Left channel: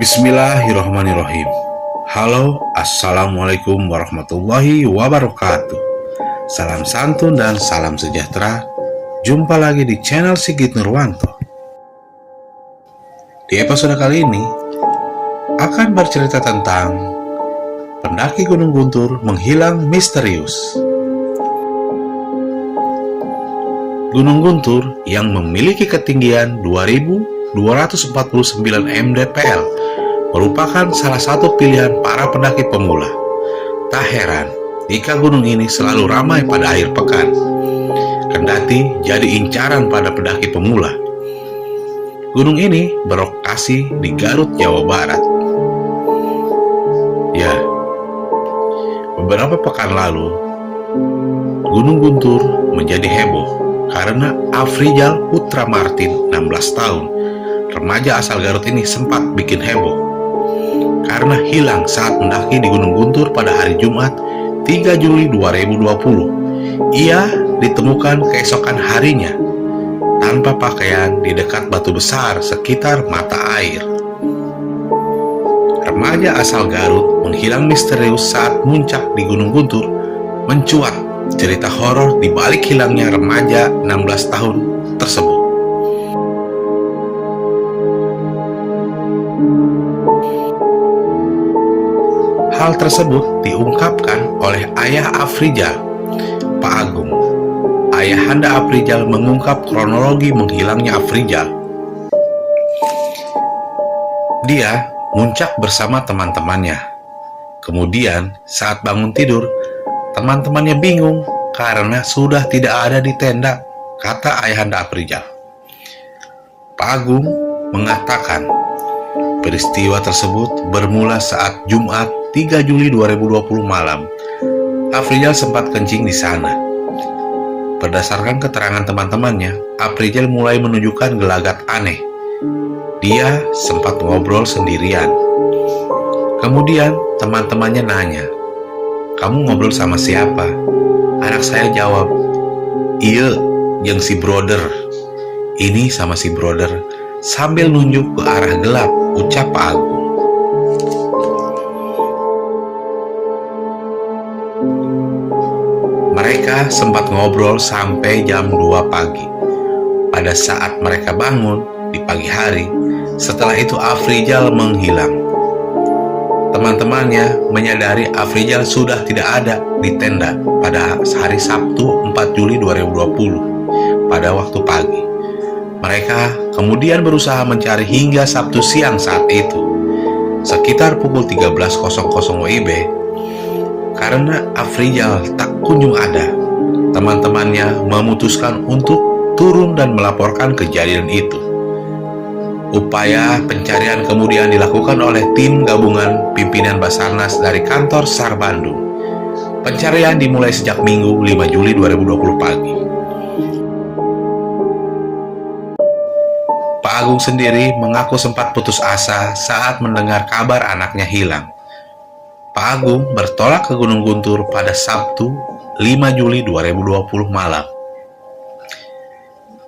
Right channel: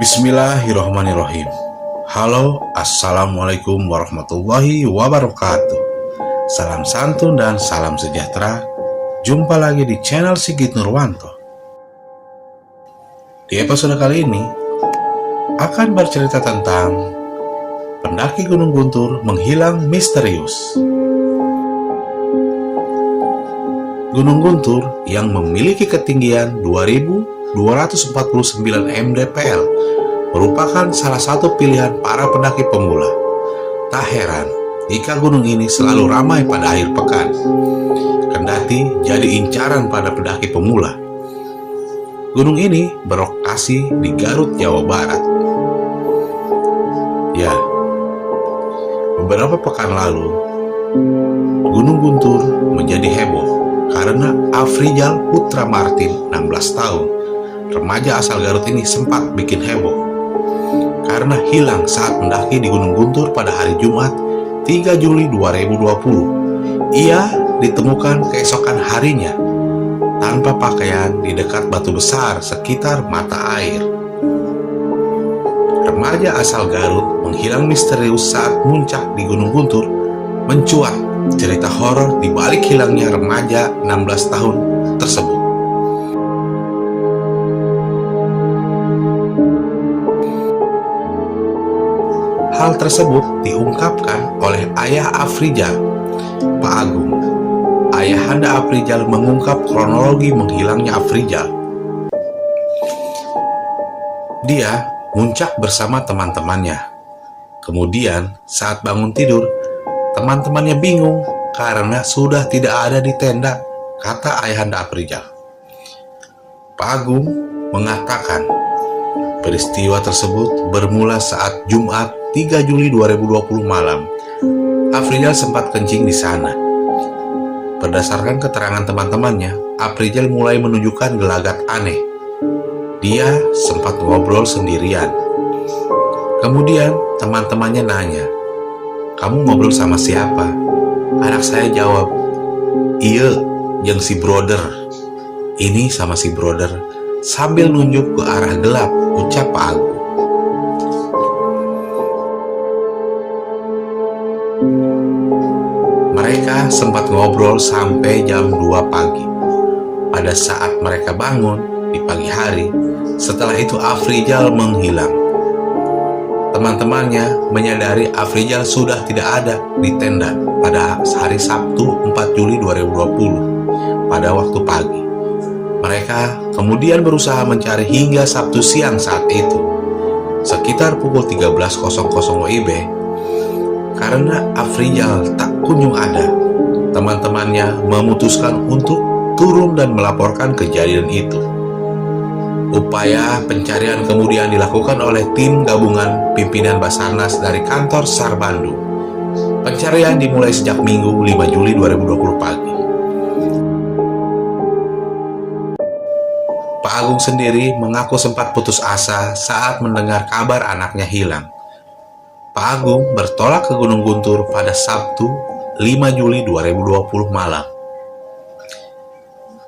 Bismillahirrahmanirrahim. Halo, assalamualaikum warahmatullahi wabarakatuh. Salam santun dan salam sejahtera. Jumpa lagi di channel Sigit Nurwanto. Di episode kali ini akan bercerita tentang pendaki Gunung Guntur menghilang misterius. Gunung Guntur yang memiliki ketinggian 2.249 mdpl merupakan salah satu pilihan para pendaki pemula. Tak heran jika gunung ini selalu ramai pada akhir pekan, kendati jadi incaran pada pendaki pemula. Gunung ini berlokasi di Garut, Jawa Barat. Ya, beberapa pekan lalu Gunung Guntur menjadi heboh karena Afrizal Putra Martin, 16 tahun, remaja asal Garut ini sempat bikin heboh karena hilang saat mendaki di Gunung Guntur pada hari Jumat 3 Juli 2020. Ia ditemukan keesokan harinya tanpa pakaian di dekat batu besar sekitar mata air. Remaja asal Garut menghilang misterius saat muncak di Gunung Guntur. Mencuat cerita horor di balik hilangnya remaja 16 tahun tersebut. Hal tersebut diungkapkan oleh ayah Afrizal, Pak Agung. Ayahanda Afrizal mengungkap kronologi menghilangnya Afrizal. Dia muncak bersama teman-temannya. Kemudian saat bangun tidur, teman-temannya bingung karena sudah tidak ada di tenda, kata ayahanda Afrizal. Pak Agung mengatakan peristiwa tersebut bermula saat Jumat 3 Juli 2020 malam. Afrizal sempat kencing di sana. Berdasarkan keterangan teman-temannya, Afrizal mulai menunjukkan gelagat aneh. Dia sempat ngobrol sendirian. Kemudian teman-temannya nanya, "Kamu ngobrol sama siapa?" Anak saya jawab, "Iya, yang si brother." "Ini sama si brother," sambil nunjuk ke arah gelap, ucap Pak Agung. Mereka sempat ngobrol sampai jam 2 pagi. Pada saat mereka bangun di pagi hari, setelah itu Afrizal menghilang. Teman-temannya menyadari Afrizal sudah tidak ada di tenda pada hari Sabtu 4 Juli 2020 pada waktu pagi. Mereka kemudian berusaha mencari hingga Sabtu siang saat itu, sekitar pukul 13.00 WIB. Karena Afrizal tak kunjung ada, teman-temannya memutuskan untuk turun dan melaporkan kejadian itu. Upaya pencarian kemudian dilakukan oleh tim gabungan pimpinan Basarnas dari kantor SAR Bandung. Pencarian dimulai sejak Minggu 5 Juli 2020 pagi. Pak Agung sendiri mengaku sempat putus asa saat mendengar kabar anaknya hilang. Pak Agung bertolak ke Gunung Guntur pada Sabtu 5 Juli 2020 malam.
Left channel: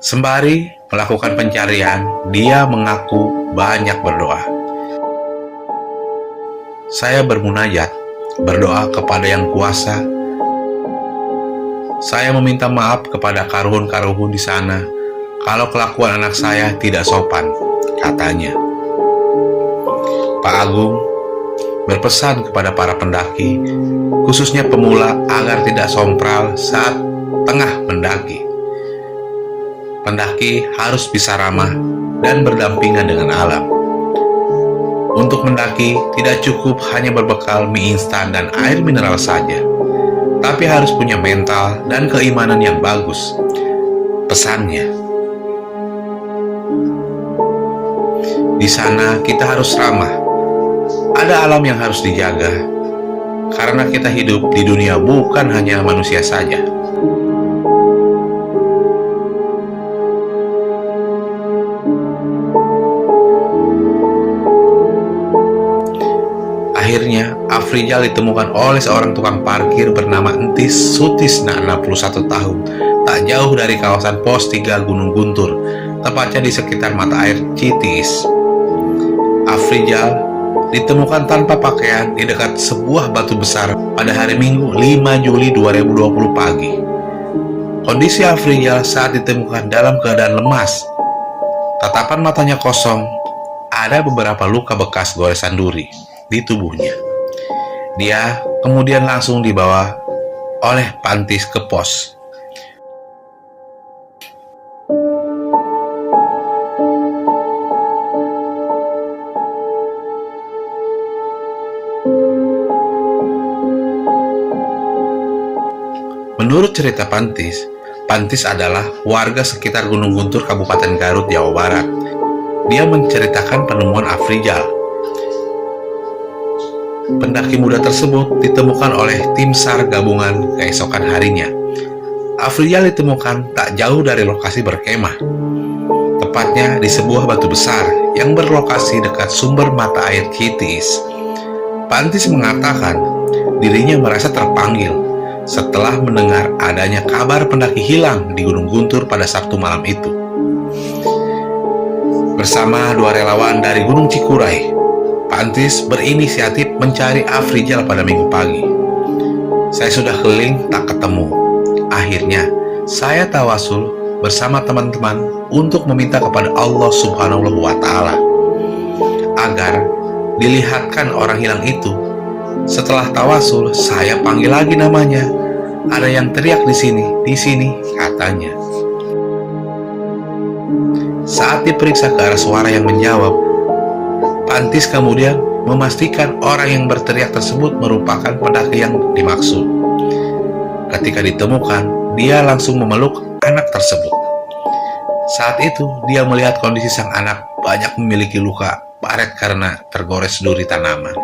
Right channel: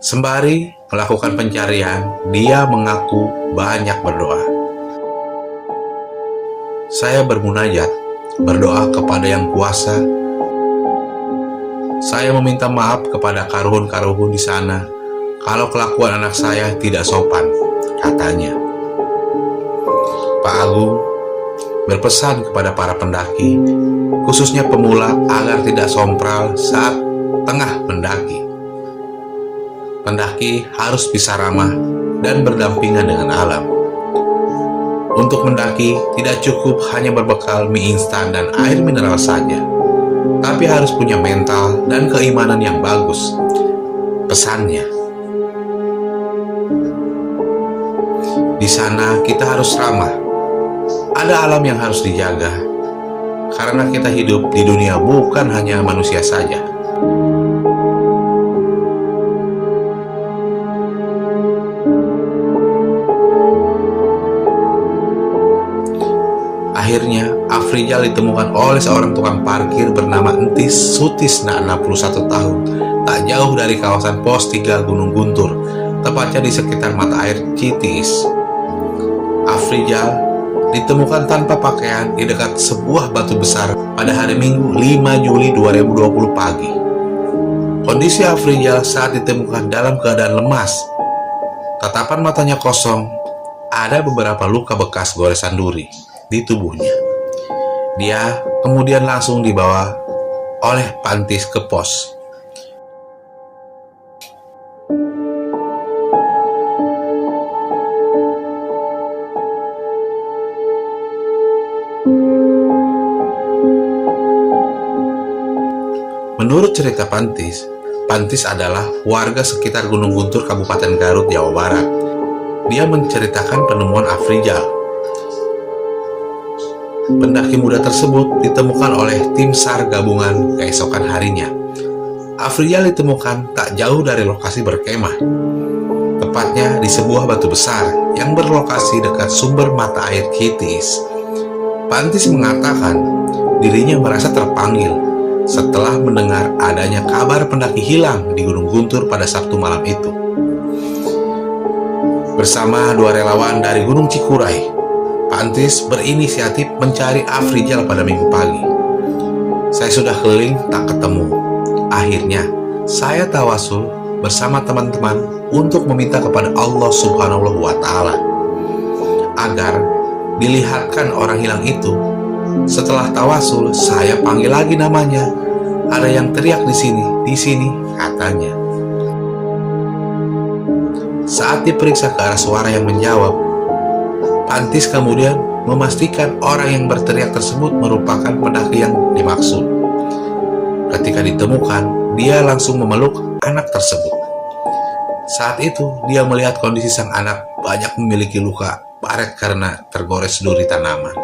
Sembari melakukan pencarian, dia mengaku banyak berdoa. "Saya bermunajat, berdoa kepada Yang Kuasa. Saya meminta maaf kepada karuhun-karuhun di sana kalau kelakuan anak saya tidak sopan," katanya. Pak Agung berpesan kepada para pendaki, khususnya pemula, agar tidak sompral saat tengah mendaki. Pendaki harus bisa ramah dan berdampingan dengan alam. Untuk mendaki tidak cukup hanya berbekal mie instan dan air mineral saja, tapi harus punya mental dan keimanan yang bagus, pesannya. Di sana kita harus ramah. Ada alam yang harus dijaga, karena kita hidup di dunia bukan hanya manusia saja. Akhirnya, Afrizal ditemukan oleh seorang tukang parkir bernama Entis Sutisna, 61 tahun, tak jauh dari kawasan Pos 3 Gunung Guntur, tepatnya di sekitar mata air Citis. Afrizal ditemukan tanpa pakaian di dekat sebuah batu besar pada hari Minggu 5 Juli 2020 pagi. Kondisi Afrizal saat ditemukan dalam keadaan lemas. Tatapan matanya kosong, ada beberapa luka bekas goresan duri di tubuhnya. Dia kemudian langsung dibawa oleh Pantis ke pos. Menurut cerita Pantis, Pantis adalah warga sekitar Gunung Guntur, Kabupaten Garut, Jawa Barat. Dia menceritakan penemuan Afrizal. Pendaki muda tersebut ditemukan oleh tim SAR gabungan keesokan harinya. Afrizal ditemukan tak jauh dari lokasi berkemah, tepatnya di sebuah batu besar yang berlokasi dekat sumber mata air Kitis. Pantis mengatakan dirinya merasa terpanggil setelah mendengar adanya kabar pendaki hilang di Gunung Guntur pada Sabtu malam itu. Bersama 2 relawan dari Gunung Cikuray, Pantis berinisiatif mencari Afrizal pada Minggu pagi. Saya sudah keliling tak ketemu. Akhirnya, saya tawasul bersama teman-teman untuk meminta kepada Allah Subhanahu wa Ta'ala agar dilihatkan orang hilang itu. Setelah tawasul, saya panggil lagi namanya. Ada yang teriak di sini, katanya. Saat diperiksa ke arah suara yang menjawab, Pantis kemudian memastikan orang yang berteriak tersebut merupakan pendaki yang dimaksud. Ketika ditemukan, dia langsung memeluk anak tersebut. Saat itu, dia melihat kondisi sang anak banyak memiliki luka baret karena tergores duri tanaman.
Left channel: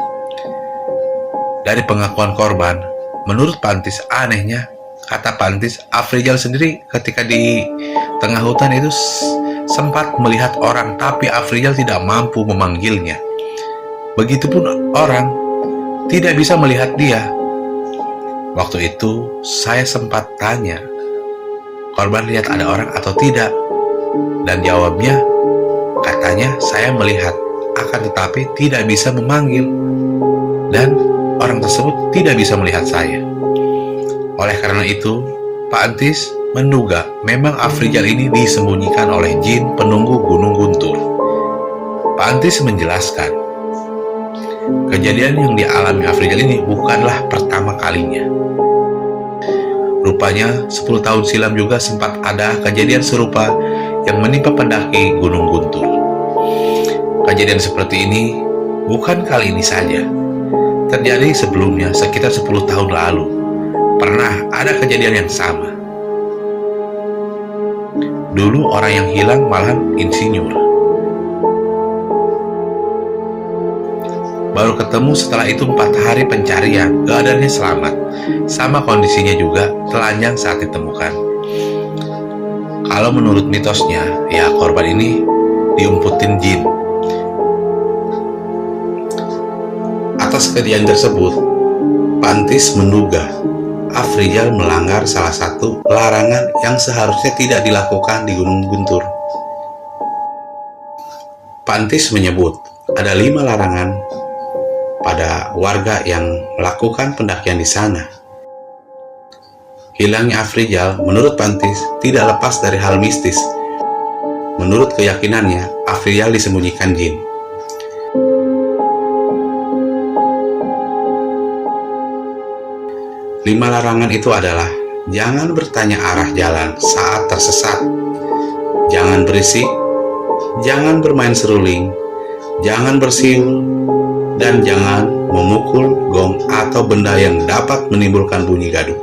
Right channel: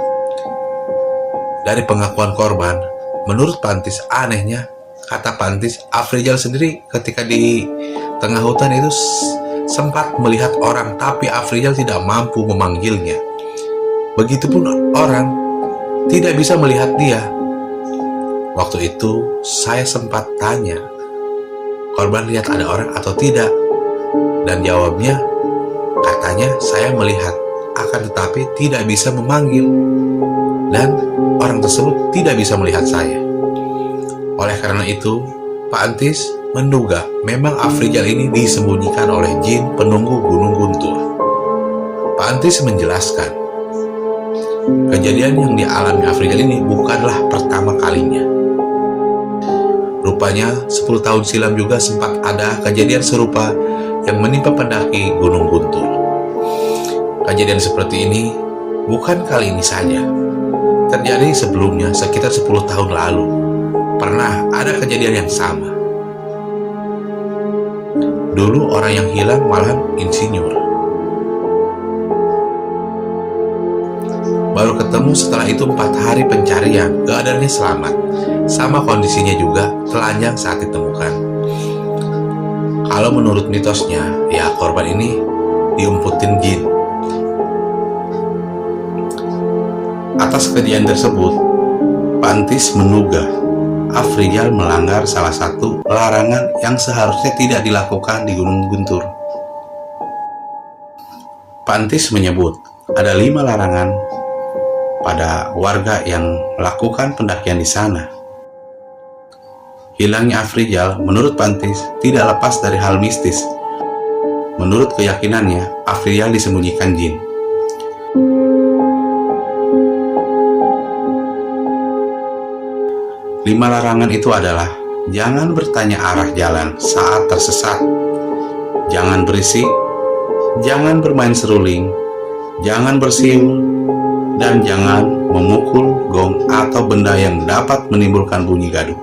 Dari pengakuan korban, menurut Pantis, anehnya, kata Pantis, Afrizal sendiri ketika di tengah hutan itu sempat melihat orang, tapi Afrizal tidak mampu memanggilnya. Begitupun orang tidak bisa melihat dia. Waktu itu saya sempat tanya, korban lihat ada orang atau tidak? Dan jawabnya, katanya saya melihat, akan tetapi tidak bisa memanggil. Dan orang tersebut tidak bisa melihat saya. Oleh karena itu, Pak Antis menduga memang Afrizal ini disembunyikan oleh jin penunggu Gunung Guntur. Pak Antis menjelaskan, kejadian yang dialami Afrizal ini bukanlah pertama kalinya. Rupanya 10 tahun silam juga sempat ada kejadian serupa yang menimpa pendaki Gunung Guntur. Kejadian seperti ini bukan kali ini saja. Terjadi sebelumnya sekitar 10 tahun lalu. Pernah ada kejadian yang sama. Dulu orang yang hilang malahan insinyur. Baru ketemu setelah itu 4 hari pencarian, keadaannya selamat. Sama kondisinya juga telanjang saat ditemukan. Kalau menurut mitosnya, ya korban ini diumputin jin. Atas kejadian tersebut, Pantis menduga Afrizal melanggar salah satu larangan yang seharusnya tidak dilakukan di Gunung Guntur. Pantis menyebut ada 5 larangan pada warga yang melakukan pendakian di sana. Hilangnya Afrizal menurut Pantis tidak lepas dari hal mistis. Menurut keyakinannya, Afrizal disembunyikan jin. Lima larangan itu adalah: jangan bertanya arah jalan saat tersesat, jangan berisik, jangan bermain seruling, jangan bersiul, dan jangan memukul gong atau benda yang dapat menimbulkan bunyi gaduh.